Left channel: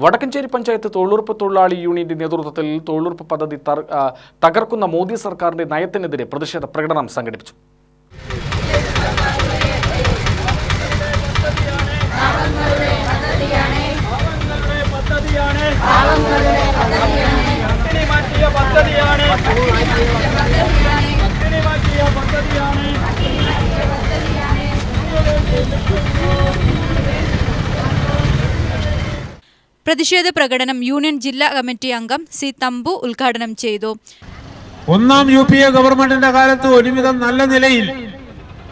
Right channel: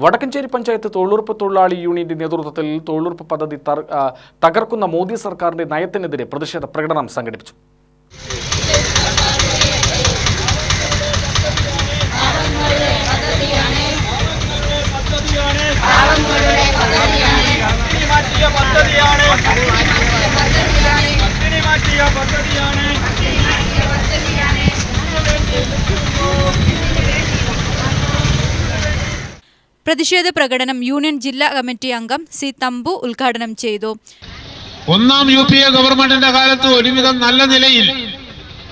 വടക്കഞ്ചേരി പഞ്ചായത്ത് തൊഴിലുറപ്പ് തൊഴിലാളി യൂണിയന്റെ നേതൃത്വത്തിൽ തൊഴിലുറപ്പ് പദ്ധതി തകർക്കുന്ന മോദി സർക്കാരിന്റെ നയത്തിനെതിരെ പ്രതിഷേധ പ്രകടനം സംഘടിപ്പിച്ചു. പ്രതിഷേധ പ്രകടനം യൂണിയൻ ജില്ലാ കമ്മിറ്റി അംഗം സി തമ്പു ഉദ്ഘാടനം ചെയ്തു. ഒന്നാം യു പി എ ഗവൺമെന്റിന്റെ കാലത്ത് ഒരുവിധം നല്ല നിലയിൽ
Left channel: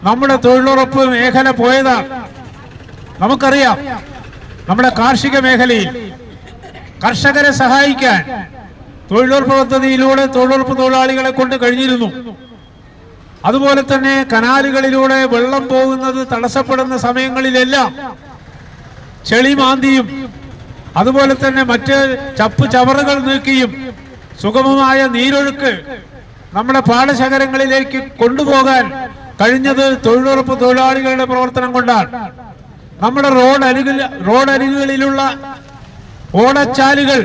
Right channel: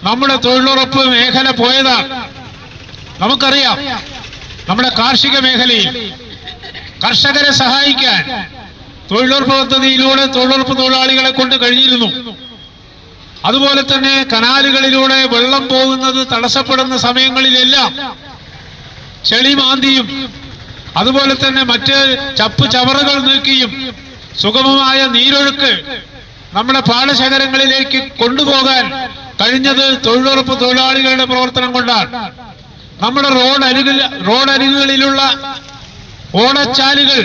നമ്മുടെ തൊഴിലുറപ്പ് മേഖല പോയതാണ്. നമുക്കറിയാം നമ്മുടെ കാർഷിക മേഖലയിൽ കർഷകരെ സഹായിക്കാൻ തൊഴിലുറപ്പ് പദ്ധതിയിലൂടെ തൊഴിലുറപ്പ് തൊഴിലാളികളെ കൊണ്ട് കഴിഞ്ഞിരുന്നു. അതുപോലെ തന്നെ കനാലുകളിലൂടെ വെള്ളം പോകുന്നത് തടസ്സപ്പെടുന്ന സമയങ്ങളിലെല്ലാം ചെളി മാന്തിയും അതുപോലെ തന്നെ മറ്റ് ചപ്പ് ചവറുകൾ നീക്കിയും സുഗമമായ നീരൊഴുക്ക് നമ്മുടെ പാടശേഖരങ്ങളിലേക്ക് കൊണ്ടുപോകാൻ കഴിഞ്ഞത് തൊഴിലുറപ്പ് തൊഴിലാളികളുടെ പ്രവർത്തനം കൊണ്ടാണ്. നമ്മുടെ റോഡ് അരികിൽ റോഡ് അരികുകളിലുള്ള ഓടച്ചാലുകൾ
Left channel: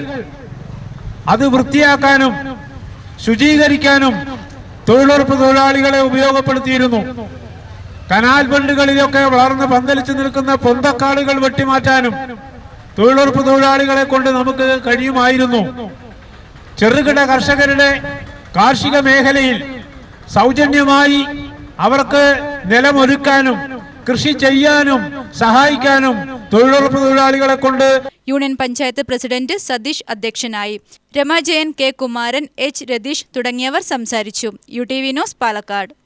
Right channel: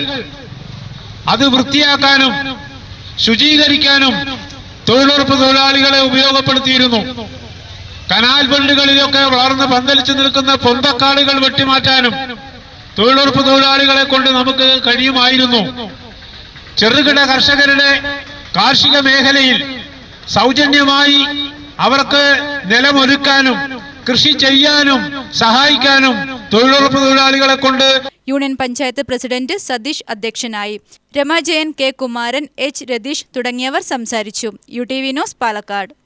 അത് വൃത്തിയാക്കാനും ശുചീകരിക്കാനും തൊഴിലുറപ്പ് തൊഴിലാളികളെ ഉപയോഗപ്പെടുത്തിയിരുന്നു. കനാൽ ബണ്ടുകളിലൊക്കെ വളർന്ന് പന്തലിച്ചു നിൽക്കുന്ന പൊന്തക്കാടുകൾ വെട്ടിമാറ്റാനും തൊഴിലുറപ്പ് തൊഴിലാളികളെ കൊണ്ട് നമുക്ക് കഴിയുമായിരുന്നു. ചെറുകിട കർഷകരുടെ കാർഷിക മേഖലയിൽ സൗജന്യമായി അവർക്ക് നിലമൊരുക്കാനും കൃഷി ചെയ്യാനും സഹായിക്കാനും തൊഴിലുറപ്പ് തൊഴിലാളികളെ കൊണ്ട് യൂണിയൻ പഞ്ചായത്ത് പ്രസിഡന്റ് സതീഷ് അധ്യക്ഷനായി. രമാജയൻ കെ കുമാരൻ എച്ച് രതീഷ് തുടങ്ങിയവർ സംസാരിച്ചു. U T V news Palakkad.